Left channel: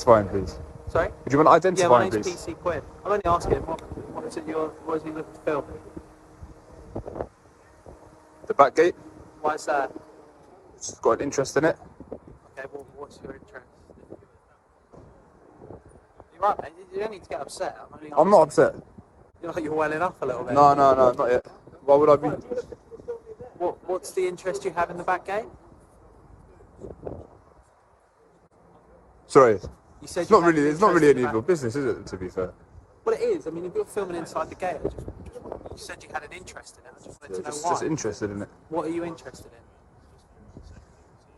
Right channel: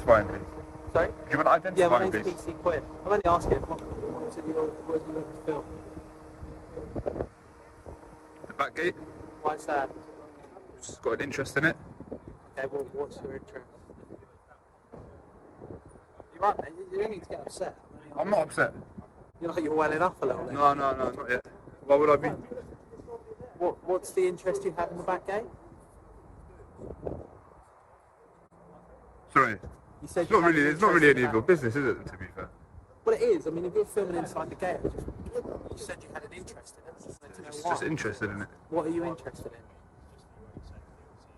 identify him, please? Sorry? Do you want to identify Yeah, my him, name's please? PC Quinn. I'm only asking him, what is he looking to film? The back gate? Why is that? Just got an interest in it. Okay, well, what's your interest? You're right, mate. You don't need to get upset. I'm not upset. You're like you're welling up a little bit. No, not yet. Why would I be? What's the interest you have in the back gate? Sorry. You said It's not really any of your business, is it? To be fair. Well, it is. I mean, if you're filming inside the gate, you said you had an interest in it. I just wanted to know why. Just interested in it. What are you interested in?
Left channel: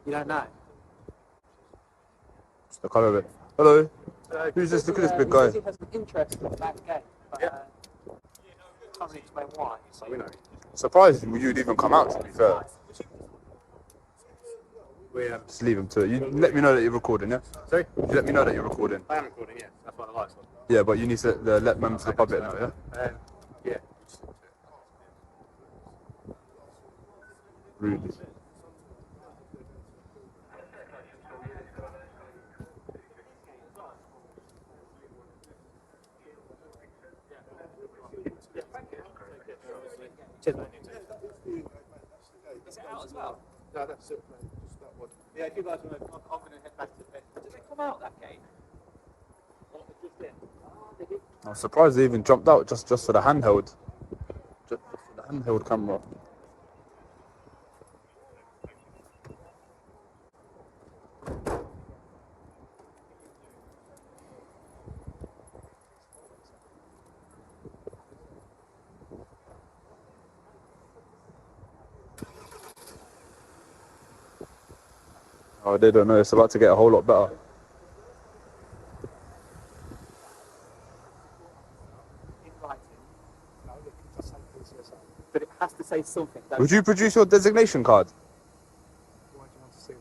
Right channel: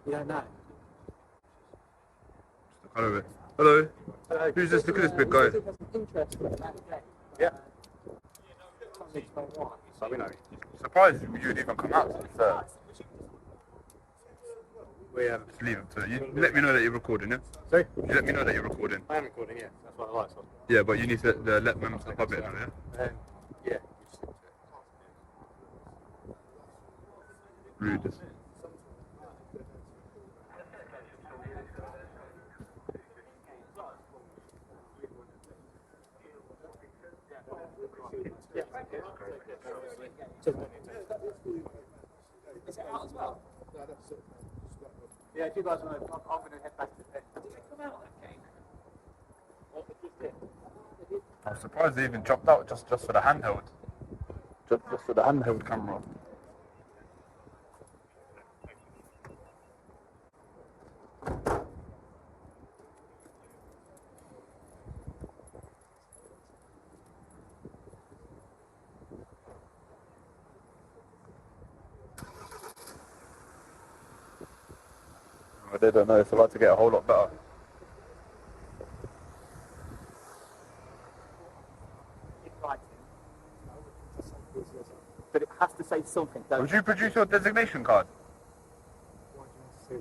You don't know. Look over it. Hello. Who's this? Look at this big guy. He has an interest in the back gate. But, Yeah. Can't really explain why. So we know. Surprised you'd even come out. To be fair. Just leave him to it. You let me know that you're recording, yeah? Sorry? You let me know that you're recording. I am recording, yeah. That's why the lights on. Yeah, but you need to let members of the public know, yeah? Yeah. Rude. Cheers, mate. Is it out as well? No, that's it, man. Just that one. Yeah, if you guys want to, I'm going to head back to the pit. Did it come out that gate? Or it just did? I'm surprised they even jumped out just for the handheld. Just for the handheld camera. Oh, they don't know. It's about to get a whole lot better. In writing. No, it can just say PCSO. But it has to say something. Would you produce your designation card? Why do you want to see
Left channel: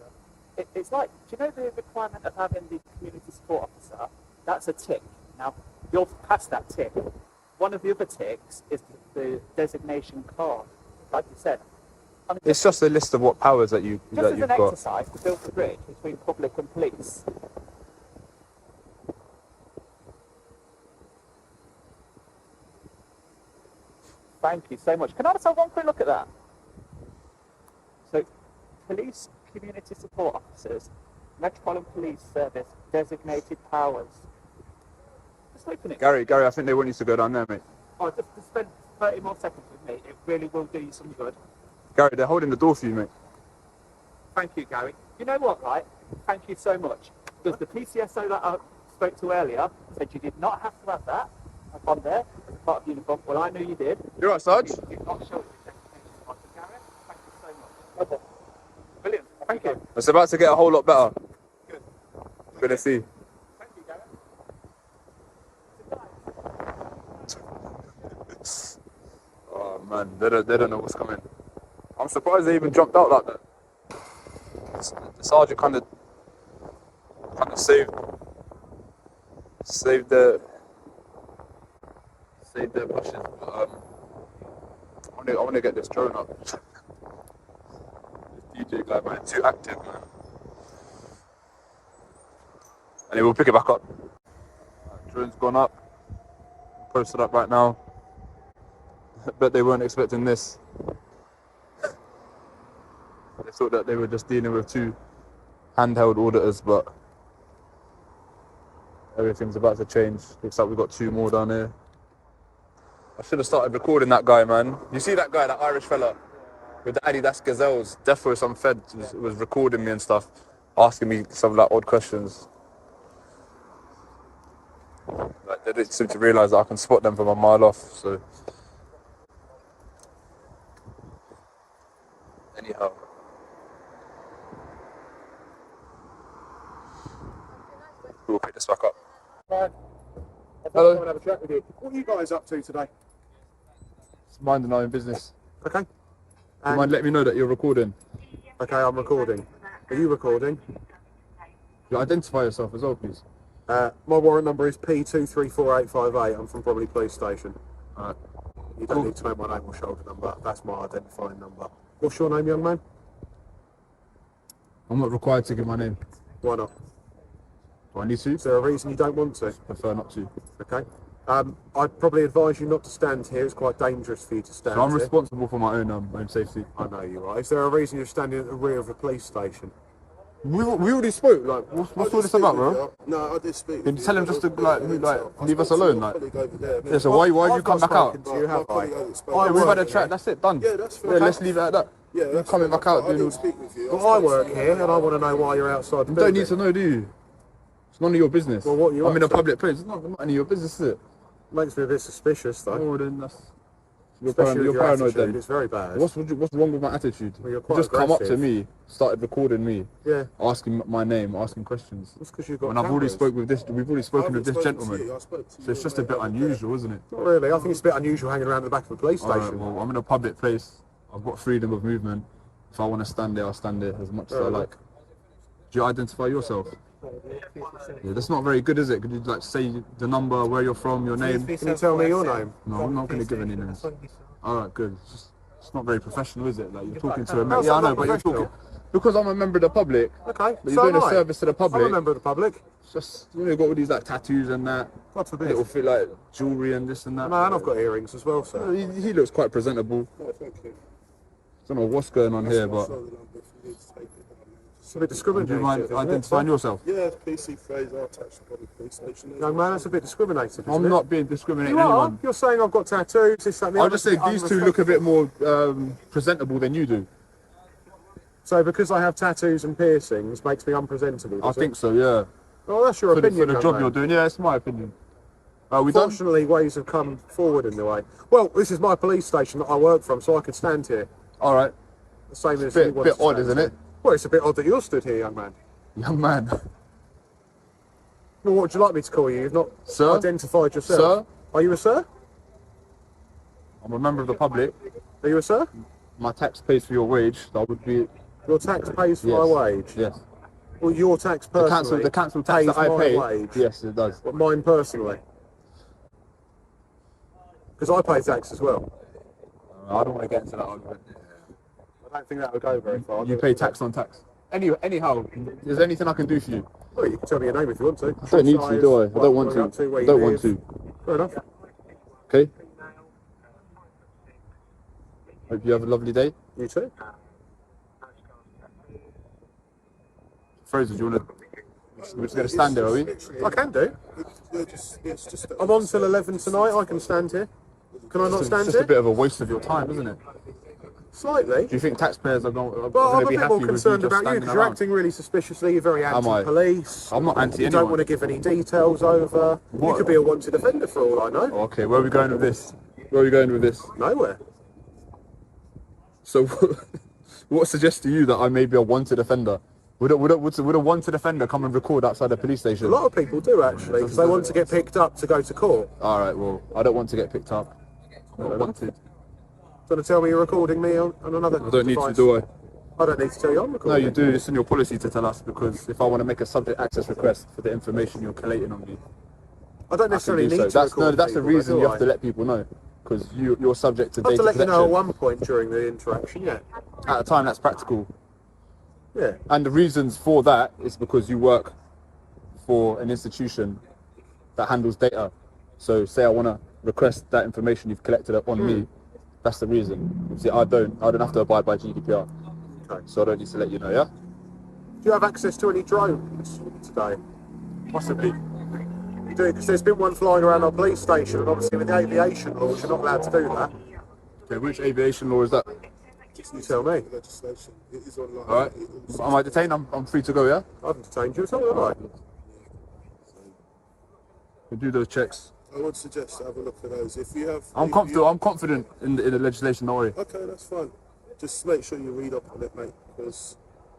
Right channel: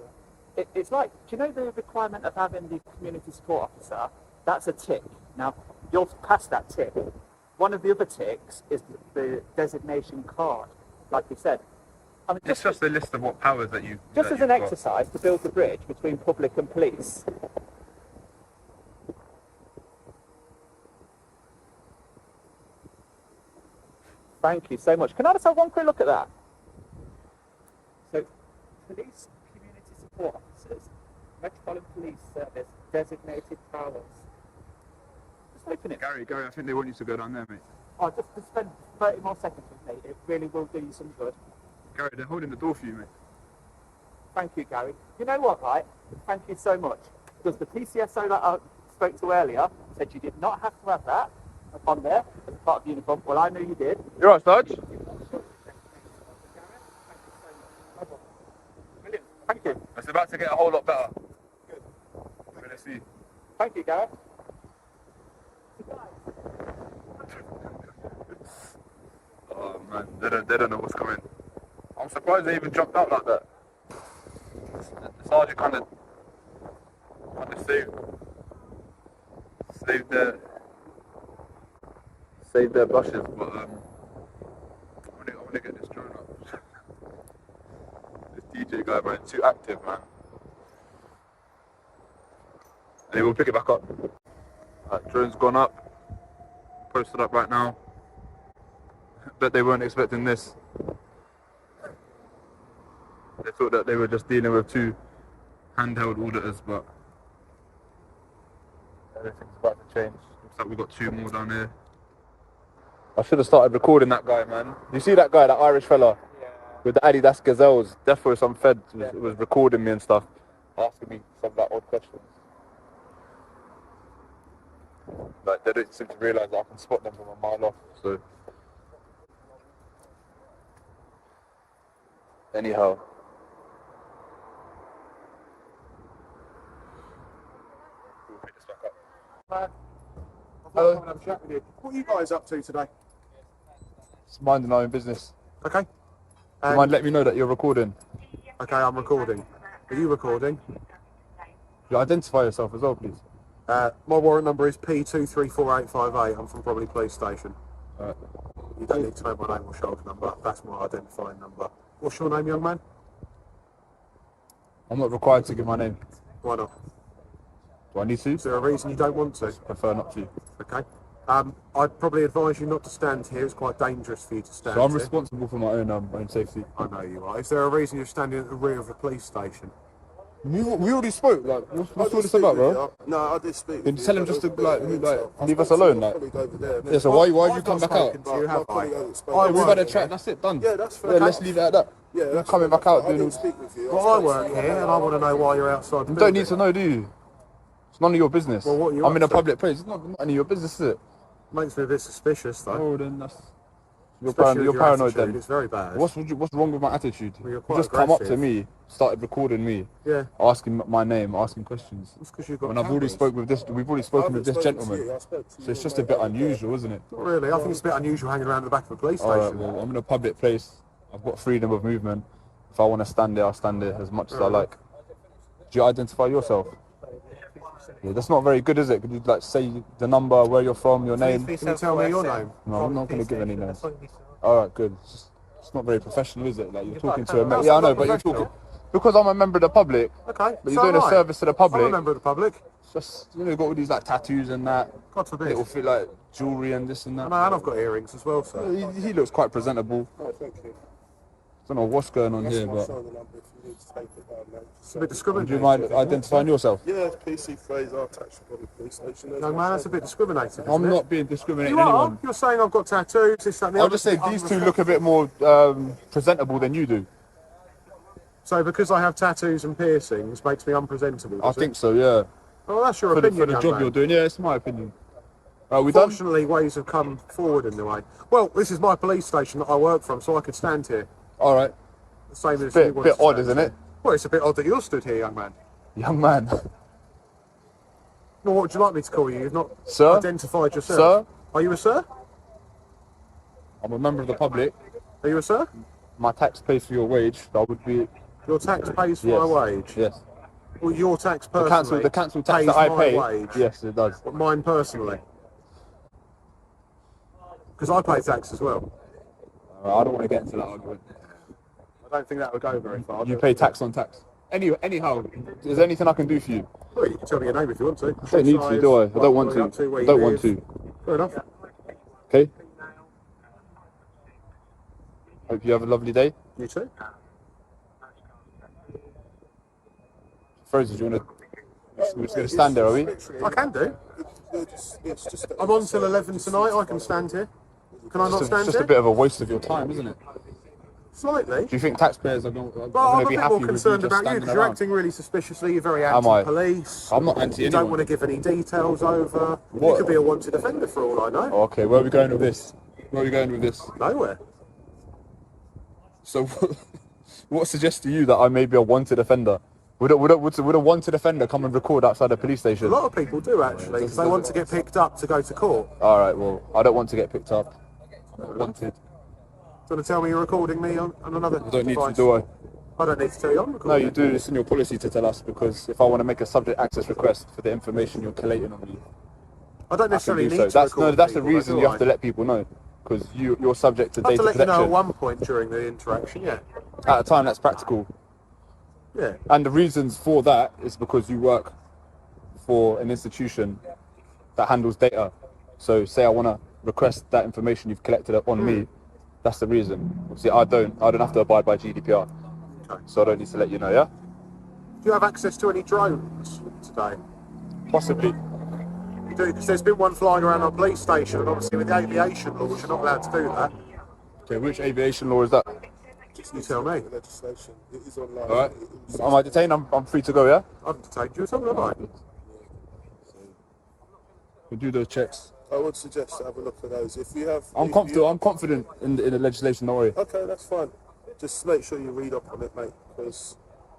that? It's like, do you know the requirement of having the community support officer? That's a tick. Now, you're past that tick. One of the other ticks is the designation card, like you said. I mean, It's just a list of what powers that you've just as an got. exercise to build the bridge between public and police. Thank you so much. Can I just have one quick look at that? So, police community support officers, Metropolitan Police Service, designated powers. Just open it. Gary, I think they want you to go down there, mate. Oh, just spend 30 more seconds with me. It really will do you some good. Gary, they're holding the door for you, mate. Thank you, Gary. You know what, right? Thank you so much. Because the PCSO that I spoke to earlier said you did not have to have that up on there as part of uniform. Well, I knew you did. You're right, Sarge. You're not sure. Brilliant. Thank you. It's about to get a whole lot better. Good. Good to see. Thank you, Gary. Oh man, they don't know what's coming. I'm surprised they even jumped out like that. The sergeant kind of saved their blushes, but I want to get this drone up. This DJ guy, man, too active, man. And he will pick it back up. Drone's gone up. Posted up right now. Bet they weren't expecting this. They thought that they were just dealing with two handheld auditors, but everything's about to change. Looks like we've got two more down here. I should have started recording that guy, man. You see that guy, that Irish fella? Yeah. With the Adidas Gazelles. Defo, some fed was recording me and stuff, asking me some like odd questions. Like they didn't seem to realise that I can spot them from a mile off, so. Anyhow. We'll pick this back up. Hello. Come and have a chat with you. What are you guys up to today? Just minding our own business. Okay. Do you mind letting me know that you're recording? Okay, I'm recording. Are you recording? You identify yourself as well, please. My warrant number is P234858. I'm from Bromley Police Station. Alright. You don't need to know my name or shoulder number. That's my identifying number. What's your name, young man? I'm not required to give my name. Why not? Do I need to? Is there a reason you don't want to? Prefer not to. Okay. I'd probably advise you not to stand here. It's quite dangerous for you to stand So I'm here. responsible for my own safety. I know you are. Is there a reason you're standing at the rear of a police station? We already spoke. Like, what's all this about, bro? No, I did speak. Can you tell him just to leave us alone, like? Yeah. So why have you come back out? You have We've had a chat. That's it. Done. Yeah, that's fine. Yeah, let's leave it at that. Yeah, You're coming back out. I didn't speak with you. Well, I work here, and I want to know why you're outside the You building. don't need to know, do you? It's none of your business. Well, what are you I'm up in a to? public place. It's not none of your business, is it? Makes me a bit suspicious, though. Oh, then that's. You're, Especially with you're your paranoid attitude. then. It's very bad. What's wrong with my attitude? Well, you're You quite just come up to aggressive. me, started recording me, Yeah, asking my name, asking questions. that's because you've got When I've already cameras. spoke with this, we've already spoken with this I haven't gentleman. spoken to you, I spoke to So it's you, just a mate, bit over there. unusual, isn't it? Not really. I think it's a bit unusual hanging around the back of a police Alright, station. well, I'm in a public place. I've got freedom of movement. If I want to stand there, I'll stand there as much as I Really? like. Do you identify yourself? Yeah, that's not very good, is it? Could you like say the number, where you're from, your name? Can you tell me your name? No, I'm not going to give any names. Alright, good. It's not very professional, is it? Like you're talking to a How's yeah, that I know, not but you're professional? talking because I'm a member of the public. Okay, But you're doing am a I. service to the public. I'm a member of the public. It's just you've got all these like tattoos and that. God forbid. Little fit like jewellery and this and that. And I've got earrings as well, sir. He looks quite presentable. Oh, thank you. Don't know what's going on here, but It's a bit do discriminatory. you mind identifying yourself? Yeah, it's PC Fraser, attached to the police station. Young man, that's a bit discriminating, isn't I'm it? not being discriminating You are. anyone. You're saying I've got tattoos, this, that, and the I'll other. just say these two look a bit more presentable than you do. So because I have tattoos and piercings makes me unpresentable, I does think it? so, yeah. Oh, that's your For the opinion, young job man. you're doing, yeah, it's my opinion. We done? Fortunately, ways have come forward in the way. Well, this is my police station that I work from, so I could stand here. All right, The same as Bit- you want bit to odd, stand isn't here. it? Well, it's a bit odd that you're stood here, young man. young man. Well, what would you like me to call you? You've not Sir? identified yourself. Sir? Are you a sir? I'm a member of the public. Are you a sir? My tax pays for your wage. That would be Your tax pays for yes. my wage. Yes. Well, your tax personally The council tax pays that I my pay. wage. Yes, it does. But mine personally. Because I pay tax as well. I don't want to get into that argument. I don't think that would go very far. You pay tax on tax. Anyhow, is there anything I can do for you? Well, you can tell me your name if you want to. I don't need to, do I? I don't want to. I don't want to. Fair enough. Okay. Hope you have a lovely day. You too. Fraser, do you want to? We're just going to stand there, are we? I can do. I'm on till 11 tonight. I can stand here. Can I not It's stand just a here? bit of a waste of your time, isn't it? Slightly. Do you think taxpayers are going But I'm to a be bit happy more with concerned you just about you standing because you're around? acting really suspiciously. You're very I? anti-police. I'm not anti You anyone. don't want to give any details over. You What? could be a wanted offender for all I know. Okay, where are we going with this? Where are we going with this? Nowhere. So, what suggests to you that I may be a wanted offender? Would a wanted offender come and record outside a police A station? lot of people do actually because they want to get picked up to go to court. All right, well, I don't want to get picked up. Not wanted. Do you want to tell me you're recording me on another I don't need to, device? do I? I don't need to tell you I'm No, recording. you do. It's in your policy to tell us because if I want to make a subject access request for the information you're collating on me, I don't I can necessarily do need so. to record That's the people, reason do you I? have to let people know because you're subject to I have data to let you know at protection. one point during the interaction, yeah. At a time that's practical. Yeah. And the reasons for that is because you work for an institution that handles data. So say I want to request that information you've collected up on me, that's the reason. See, I don't have to abide by GDPR. Okay. So I don't need to let you know, yeah? Do you have access to any drones today? Possibly. You do, because there's been one flying around our police station, and obviously with the aviation laws, you're not allowed to do that. Okay, which aviation law is that? You tell me. Legislation. It is online. Alright. Am I detained? I'm free to go, yeah? I haven't detained you at all, have I? We'll do those checks. I would suggest to have a look at those. If you have, I'm if confident. I'm confident in the legislation. Don't worry. Okay, that's fine. Just make sure you read up on it, mate, because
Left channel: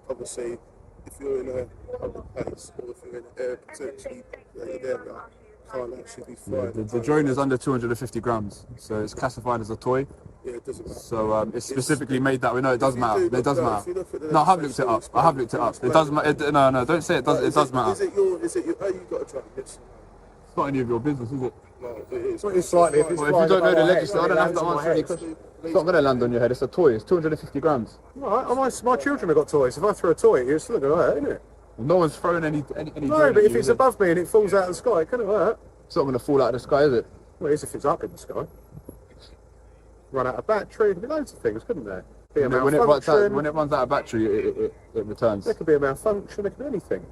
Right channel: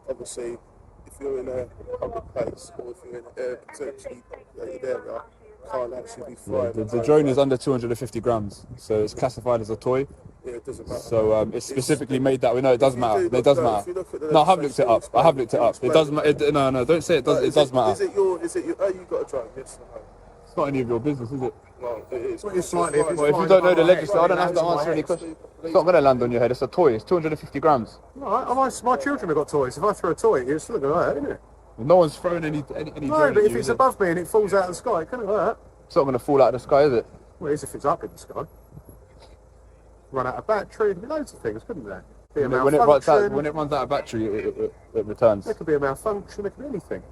obviously, if you're in a public place or if you're in an potentially populated area, can't actually be flying. The drone is under 250 grams, so it's classified as a toy. Yeah, it doesn't matter. So it's specifically made that way. No, it does If you matter. do It does look- no, matter. if you look at the No, I have looked it up. legislation, I have looked it up. explain It does matter. No, don't say it does. It does matter. Is it your? Oh, you got a drone? Yes or no? It's not any of your business, is it? No, it is. Well, it's slightly. If it's Well, if you flying don't know above the my head, legislation, I don't have it to lands on my answer any head. questions. It's not going to land on your head. It's a toy. It's 250 grams. All right, my children have got toys. If I throw a toy at you, it's still going to hurt, isn't it? No one's throwing any No, drone but at if you, it's is it? above me and it falls out of the sky, it can't hurt. It's not going to fall out of the sky, is it? Well, it is if it's up in the sky. Run out of battery, there'd be loads of things, couldn't there? Be a When it malfunction. when it runs out of battery, it returns. There could be a malfunction, there could be anything.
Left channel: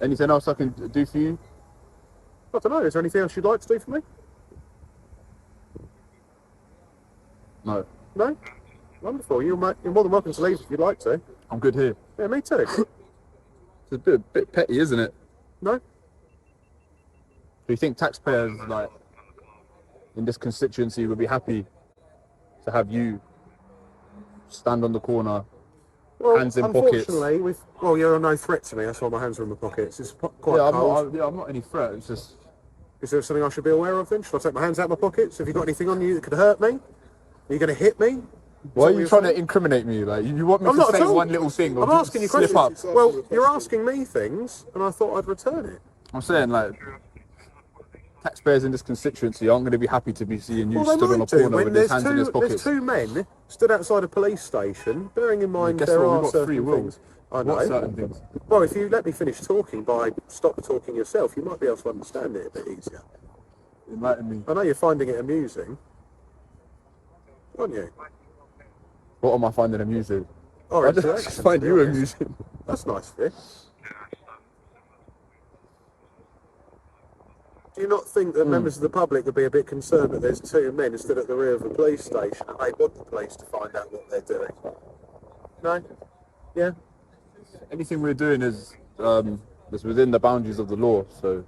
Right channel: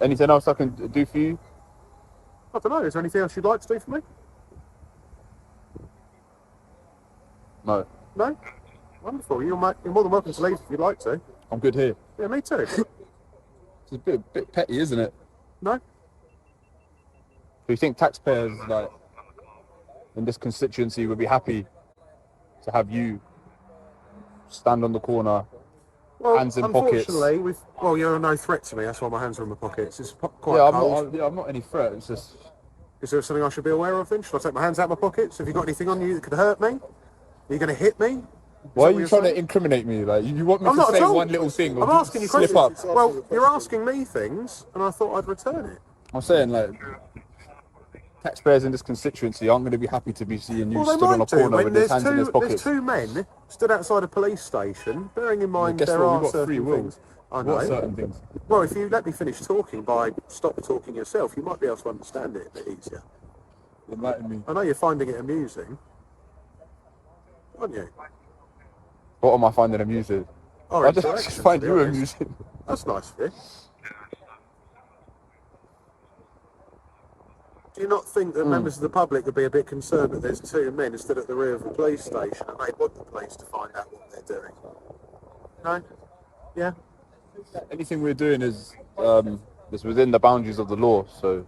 Anything else I can do for you? I don't know, is there anything else you'd like to do for me? No. No? Wonderful. You're more than welcome to leave if you'd like to. I'm good here. Yeah, me too. It's a bit petty, isn't it? No? Do you think taxpayers, like, in this constituency would be happy to have you stand on the corner, Well, hands in pockets? unfortunately, well, you're no threat to me, that's why my hands are in my pockets. It's quite Yeah, cold. I'm not any threat. It's just Is there something I should be aware of then? Should I take my hands out of my pockets? Have you got anything on you that could hurt me? Are you going to hit me? why are what you you're trying to saying? incriminate me? Like you want me I'm to not say at all. one little thing or I'm asking you slip questions. up? Well, you're asking me things, and I thought I'd return it. I'm saying, like, taxpayers in this constituency aren't going to be happy to be seeing you Well, they stood on a might do corner when with his there's hands in his two. There's pockets. two men stood outside a police station. Bearing in mind Guess there what? are We've got free certain will. things. I know. What certain things? Well, if you let me finish talking by stop talking yourself, you might be able to understand it a bit easier. Enlighten me. I know you're finding it amusing, aren't you? What am I finding amusing? Or I just interactions, find to be you honest. amusing. That's nice of you. Do you not think that members of the public would be a bit concerned that there's two men stood at the rear of a police station and they want the police to find out what they're doing? No? Yeah? Anything we're doing is within the boundaries of the law. So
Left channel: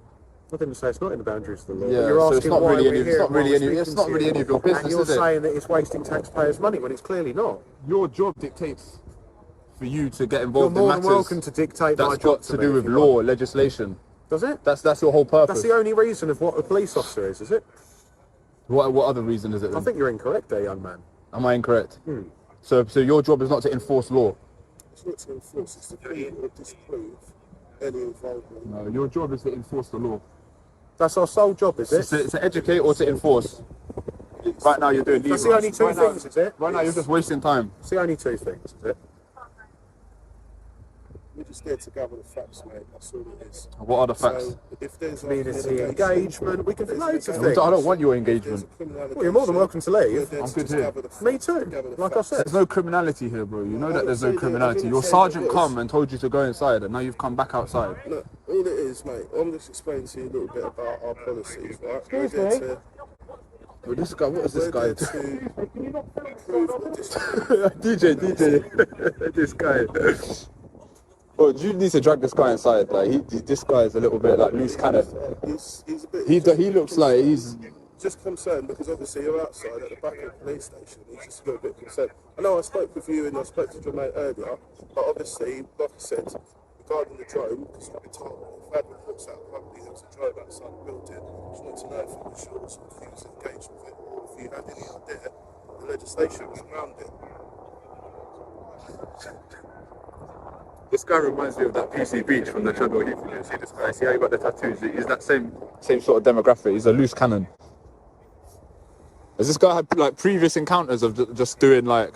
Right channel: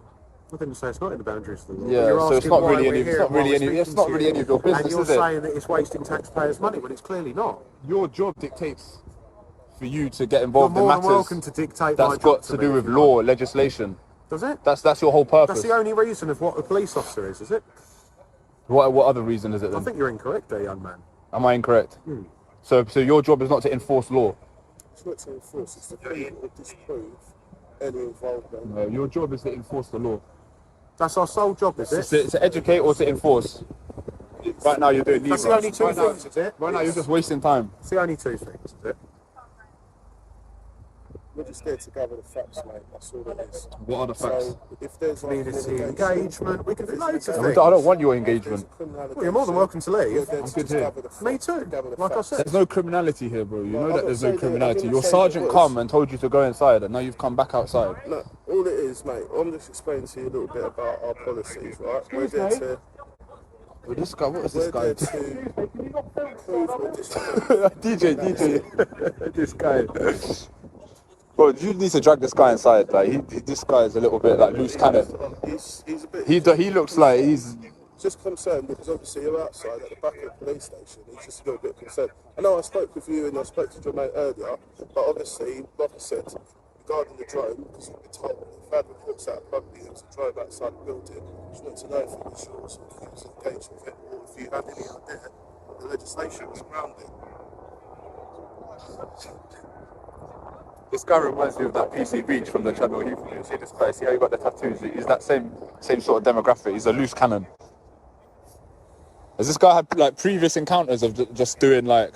I didn't say it's not in the boundaries of the law, yeah, but you're so asking it's not why really we're any. here It's not and why really we're any. It's speaking not to really you. any of your business, And you're is it? saying that it's wasting taxpayers' money when it's clearly not. Your job dictates for you to get You're involved more in than matters welcome to dictate my that's job got to me do if with you law, want. legislation. Does it? That's your whole purpose. That's the only reason of what a police officer is it? What other reason is it? I Then? think you're incorrect there, young man. Am I incorrect? Hmm. So your job is not to enforce law. It's not to enforce, it's to prove or disprove any involvement. No, your job is to enforce the law. That's our sole job, is it? To educate or to enforce. Right now you're doing neither. That's the only two Right now- things, is it? Right now you're just wasting time. It's the only two things, is it? We're just there to gather the facts, mate. That's all it is. What are the facts? So if there's Community engagement, we can do loads of I things. don't want your engagement. Well, you're more than welcome to leave. I'm good here. Me too, like I said. There's no criminality here, bro. You know I'm that not there's no saying that- I criminality. didn't Your say sergeant there was. come and told you to go inside, and now you've come back outside. No, all it is, mate, I'm just explaining to you a little bit about our policies, right? We're there to, Well, this guy, what is this we're guy? there to prove or disprove. DJ, this guy. Bro, you need to drag this guy inside. Like this guy is a little bit like loose cannon. He's a bit. He looks like he's. Just concerned because obviously you're outside at the back of the police station. He's just a little bit concerned. I know I spoke with you and I spoke to your mate earlier, but obviously, like I said, regarding the drone, because we've been told we've had reports out of public there was a drone outside the building. Just wanted to know if you were sure sort of was engaged with it or if you had any idea what the legislation was around it. This guy reminds me of that PC Beach from the Channel Heath. You see this guy? See how he got the tattoos? He's that same sort of demographic. He's a loose cannon. Has this guy had like previous encounters of just doing like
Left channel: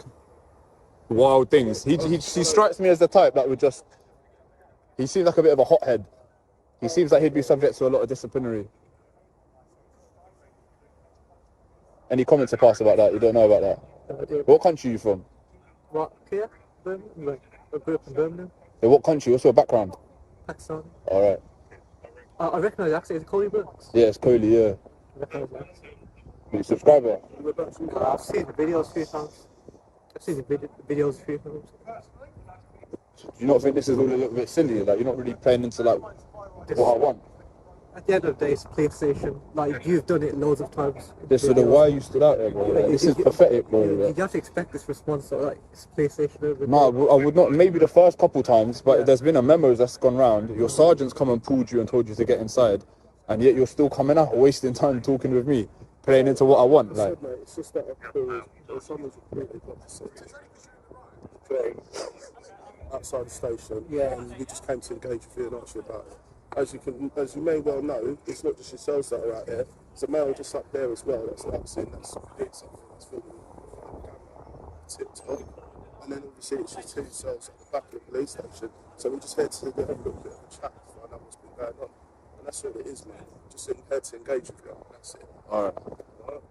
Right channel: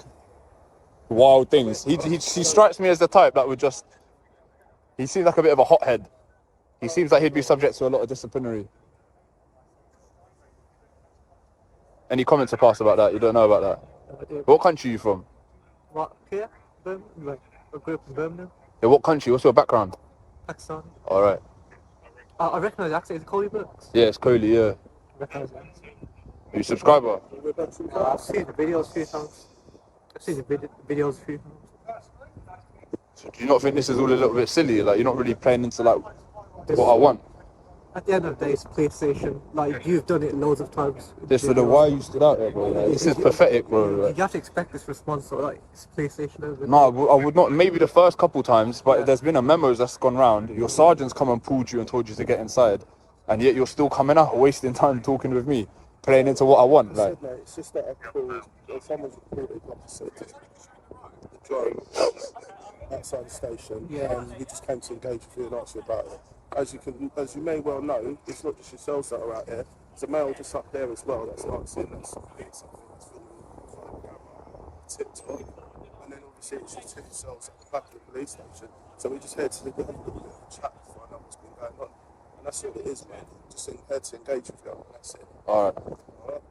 wild things? He strikes me as the type that would just. He seems like a bit of a hothead. He seems like he'd be subject to a lot of disciplinary. Any comments to pass about that? You don't know about that? What country are you from? What? Here? Birmingham? Like, I grew up in Birmingham, Yeah, what country? What's your background? Pakistan. All right. I recognise the accent. Is it Coley Brooks? Yeah, it's Coley. Yeah. I recognise the accent. Are you a subscriber? I've seen the videos a few times. I've seen the videos a few times. So do you not think this is all a little bit silly? Like you're not really playing into like what I want. At the end of the day, it's a police station. Like, you've done it loads of times. This is the why you stood out there, bro. Like, this is pathetic, bro. Like, You have to expect this response, so like, it's a police station over no, I would not. Maybe the first couple times, but Yeah. there's been a memo that's gone round. Your sergeant's come and pulled you and told you to get inside, and yet you're still coming out, wasting time talking with me, playing into what I want. I Like, said, mate, it's just that I feel or someone's reported, like I said, the drone outside the station. Yeah. And we just came to engage with you and ask you about it. As you may well know, it's not just yourselves that are out here. There's a male just up there as well. That's not seen. That's sort of doing something. That's filming tip top. and then obviously it's just 2 cells at the back of the police station. So we just here to have a little bit of a chat to find out what's been going on. And that's all it is, really. Just here to engage with you, and that's it. Alright. Alright?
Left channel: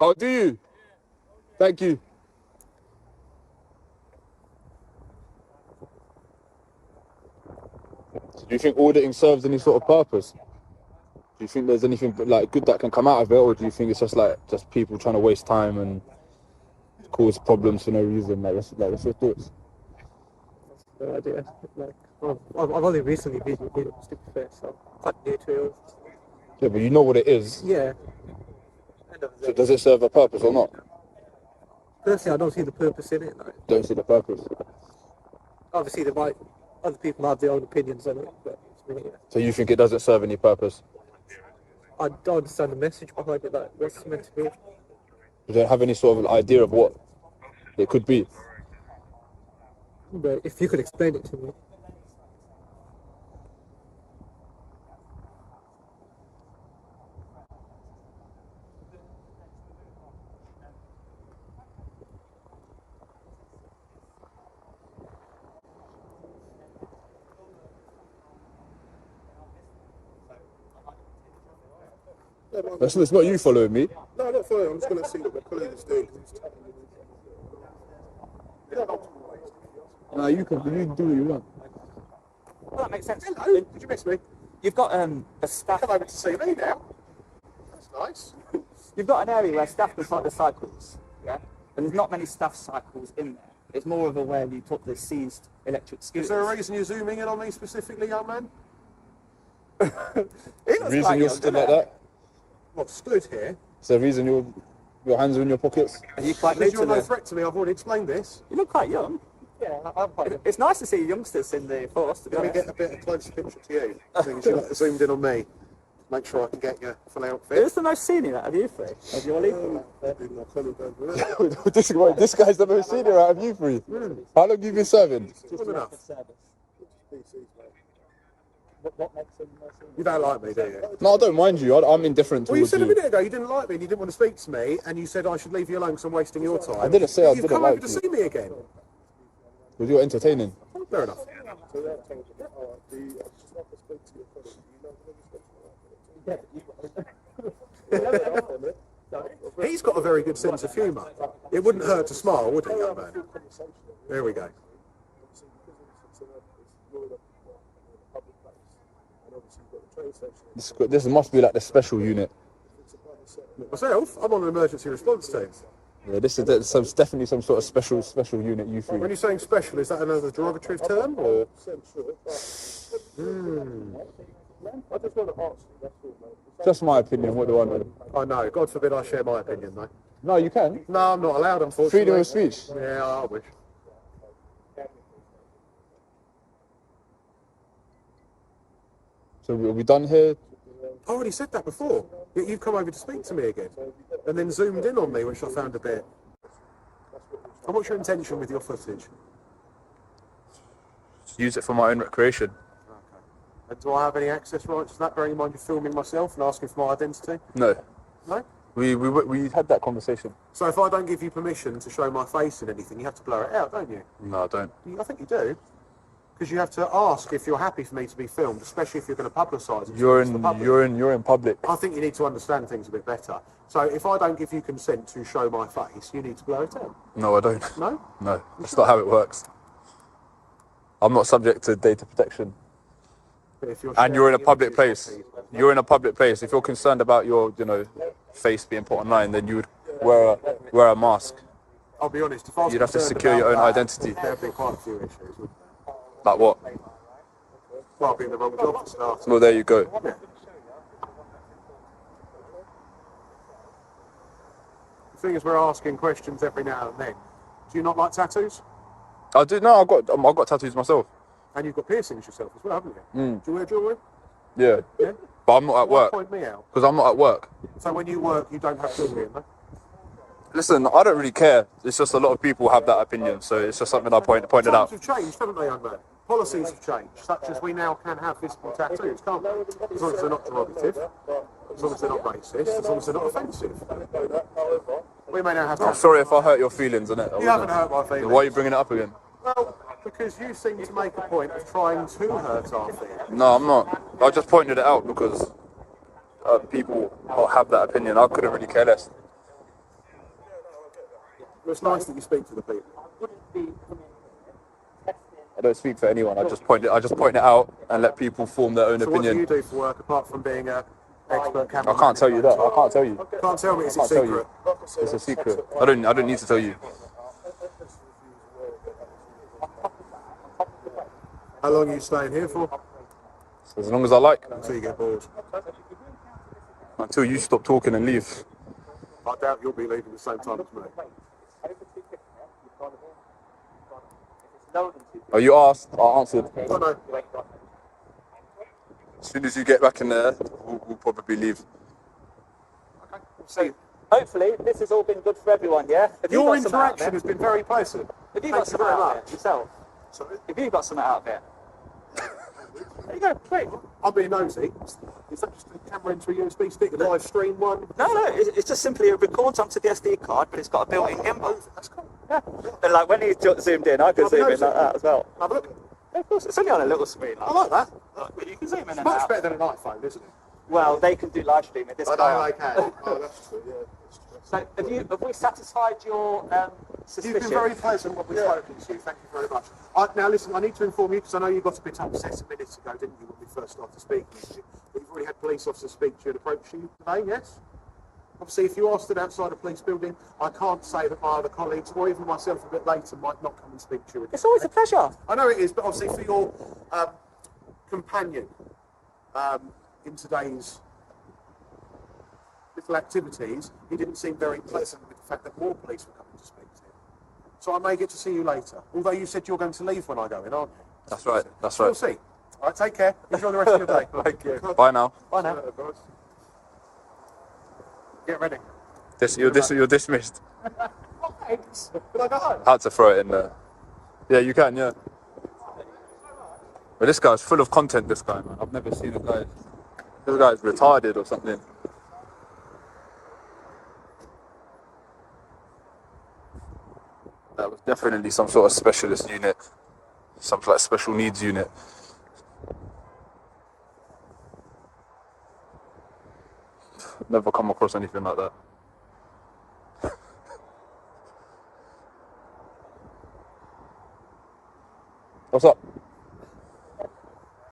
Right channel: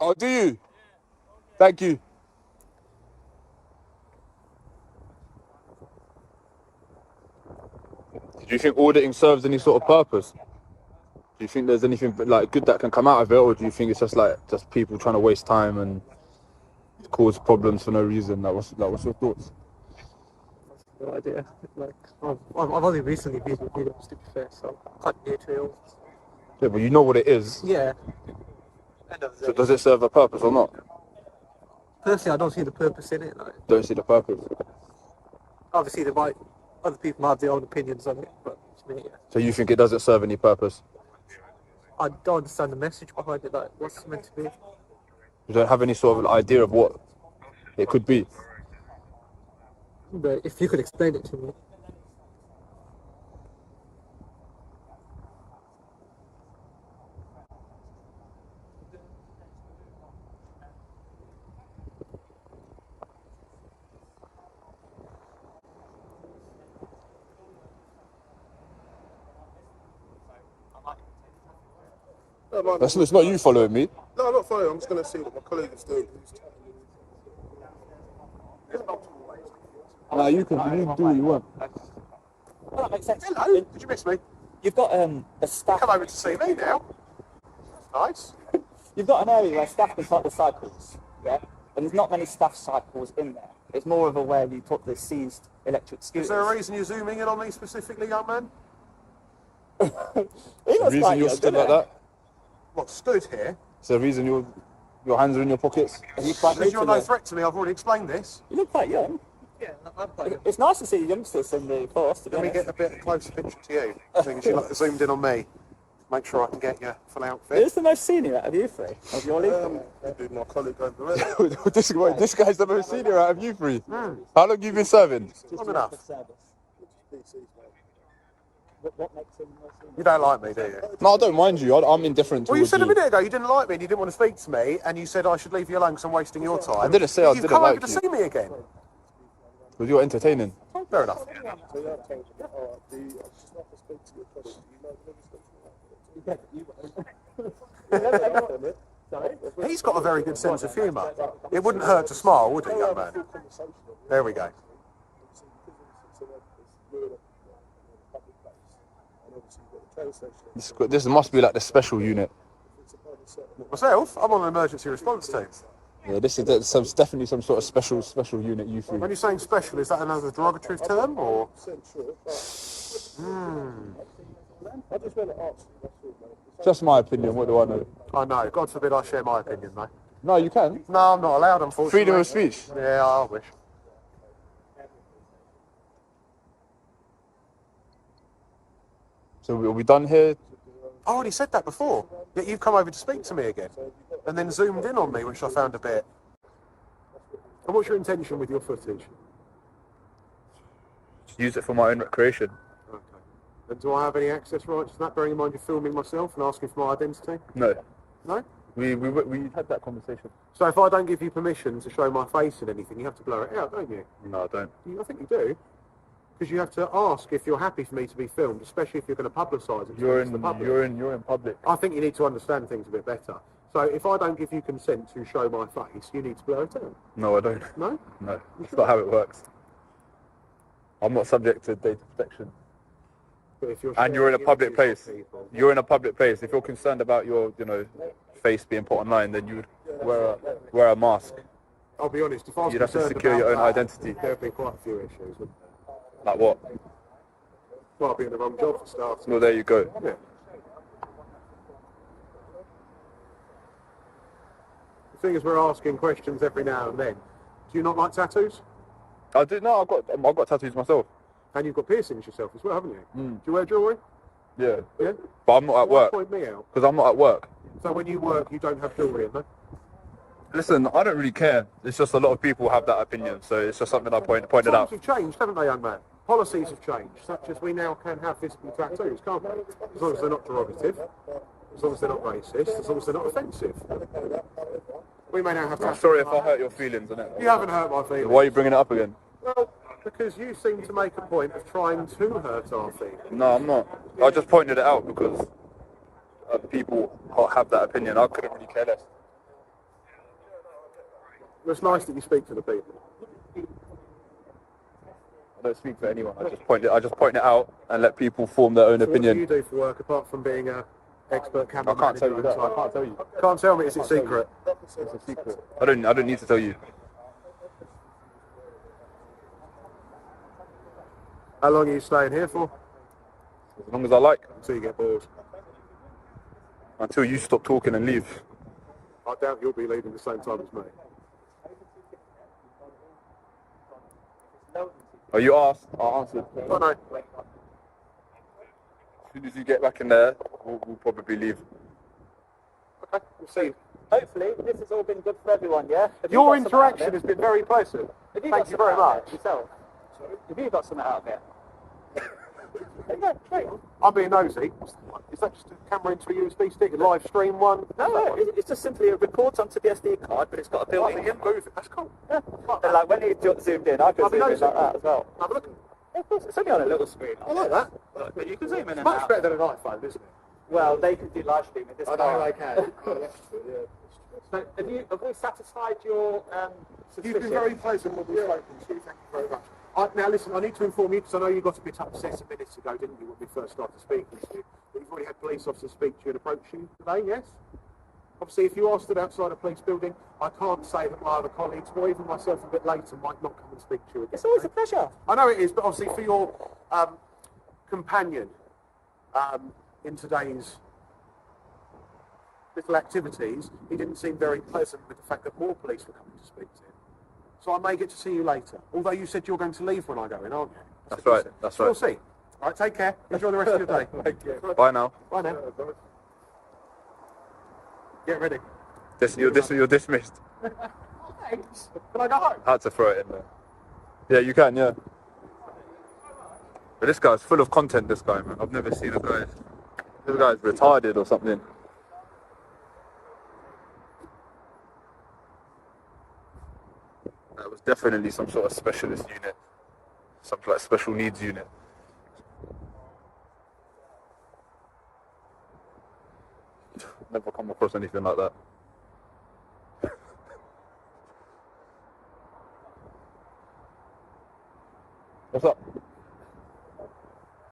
Oh, do you? Thank you. Do you think auditing serves any sort of purpose? Do you think there's anything like good that can come out of it, or do you think it's just like just people trying to waste time and cause problems for no reason? What's your thoughts? No idea. Like, I've only recently viewed videos, to be fair, so I'm quite new to it all. Yeah, but you know what it is. Yeah. End of the So day. does it serve a purpose or not? Personally, I don't see the purpose in it. Like, Don't see the purpose. obviously, other people have their own opinions on it, but to me, yeah. So you think it doesn't serve any purpose? I don't understand the message behind it. Like, what's it meant to be? You don't have any sort of idea of what it could be? But if you could explain it to me. No, man, It's not you following me. no, I'm not following. I'm just going to see what my colleague is doing. Nah, you can do what you want. Well, that makes sense. Hello, did you miss me? You've got a staff. Come over to see me now. That's nice. You've got an area where staff can cycle the cycles, yeah? And there's not many staff cycles in there. It's more of a where you put the seized electric scooters. Is there a reason you're zooming in on me specifically, young man? The reason you're stood like that? What, stood here? Is there a reason your hands are in your pockets? Are you quite new Because to you're no the... threat to me, I've already explained this. You look quite young. Yeah, I'm quite. It's nice to see youngsters in the force, to be Let me honest. get a bit of a closer picture to you. Because you look zoomed in on me. Make sure I can get your full outfit. Who's the most senior out of you three? Of your league? Maybe my colleague over there. this guy's the most senior out of you three. How long have you been serving? Long enough. What makes him more senior? You don't like me, do you? No, I don't mind you. I'm indifferent Well, you towards said a you. minute ago you didn't like me and you didn't want to speak to me, and you said I should leave you alone because I'm wasting your time. I didn't say I You've didn't come like over to you. see me again. Because you're entertaining. Fair enough. He's got a very good sense of humour. It wouldn't hurt to smile, would it, young man? There we go. This must be like the special unit. Myself, I'm on an emergency response team. Yeah, this is definitely some sort of special unit. You three. When you're saying special, is that another derogatory term, or? Just my opinion. What do I know? I know. God forbid I share my opinion, mate. No, you can. No, I'm not allowed, unfortunately. Freedom of speech. Yeah, I wish. So are we done here? I already said that before. Yet you've come over to speak to me again, and then zoomed in on me, which I found a bit. And what's your intention with your footage? Use it for my own recreation. Okay. And do I have any access rights to that? Bearing in mind you're filming myself and asking for my identity. No. No. We had that conversation. So if I don't give you permission to show my face in anything, you have to blur it out, don't you? No, I don't. I think you do. Because you have to ask if you're happy for me to be filmed, especially if you're going to publicise it. You're to the public. in public. I think you need to understand things a bit better. So if I don't give you consent to show my face, you need to blur it out. No, I don't. No? No, that's not how it works. I'm not subject to data protection. But if you're And you're in a sharing public images place. of people- You're in a public place. If you're concerned about your, face being put online, then you would wear a mask. I'll be honest, if I was You'd have to concerned secure your about own that, identity. there'd be quite a few issues, wouldn't there? Like what? Well, I'd be in the wrong job for starters. Well, there you go. Yeah. The thing is, we're asking questions every now and then. Do you not like tattoos? I do. No, I've got tattoos myself. And you've got piercings yourself as well, haven't you? Mm. Do you wear jewellery? Yeah. Yeah? But I'm not at Why work. point me out? Because I'm not at work. So when you work, you don't have jewellery in, no? Listen, I don't really care. It's just a lot of people have that opinion, so it's just something I pointed Times out. have changed, haven't they, young man? Policies have changed, such as we now can have visible tattoos, can't we? As long as they're not derogative, as long as they're not racist, as long as they're not offensive. We may now have I'm tattoos. sorry if I hurt your feelings, innit? You haven't hurt my feelings. Why are you bringing it up again? Well, because you seem to make a point of trying to hurt our feelings. No, I'm not. I just pointed it out because people have that opinion. I couldn't really care less. It's nice that you speak to the people. I don't speak for anyone. I just point it out and let people form their own So opinion. what do you do for work apart from being an expert cameraman? I can't tell you that. I can't tell you. Can't tell me, it's a secret. It's a secret. I don't need to tell you. How long are you staying here for? As long as I like. Until you get bored. Until you stop talking and leave. I doubt you'll be leaving the same time as me. Oh, you asked. I answered. No, no. As soon as you get back in there, we'll probably leave. Okay, we'll see. Hopefully, this has all been good for everyone, yeah? Have you Your got something out of interaction it? has been very pleasant. Have Thank you got very something out of much. it Yourself? Sorry? Have you got something out of it? There you go, quick. I'm being nosy. Is that just a camera into a USB stick, a live stream one? No, it's just simply it records onto the SD card, but it's got a built-in gimbal. That's cool. Yeah. And like when he zoomed in, I could I'll be zoom in nosy. like that as well. Have a look. Of course, it's only on a little screen. I like that. But you can zoom in and Much out. better than an iPhone, isn't it? Well, they can do live streaming. This I know can't. they can. Oh, that's true, yeah. That's true. So have we satisfied your suspicion? You've been very pleasant when we've spoken to you. Thank you very much. Now, listen, I need to inform you, because I know you got a bit upset a minute ago, didn't you, when we first started speaking to you? But you've already had police officers speak to you and approach you today, yes? Obviously, if you are stood outside a police building, I can't say that my other colleagues, or even myself a bit later, might not come and speak to you again. It's always a pleasure. I know it is, but obviously for your companion in today's little activities, he didn't seem very pleasant with the fact that more police were coming to speak to him. So I may get to see you later. Although you said you're going to leave when I go in, aren't you? That's right. That's So right. we'll see. All right, take care. Enjoy the rest of your day. Thank you. Bye now. Bye now. Get ready. You're dismissed. Oh, thanks. Can I go home? I had to throw it in there. Yeah, you can. Yeah. But this guy's full of content. This guy, man. I've never seen a guy. This guy's retarded or something. That was definitely some sort of specialist unit, some like special needs unit. Never come across anything like that. What's up?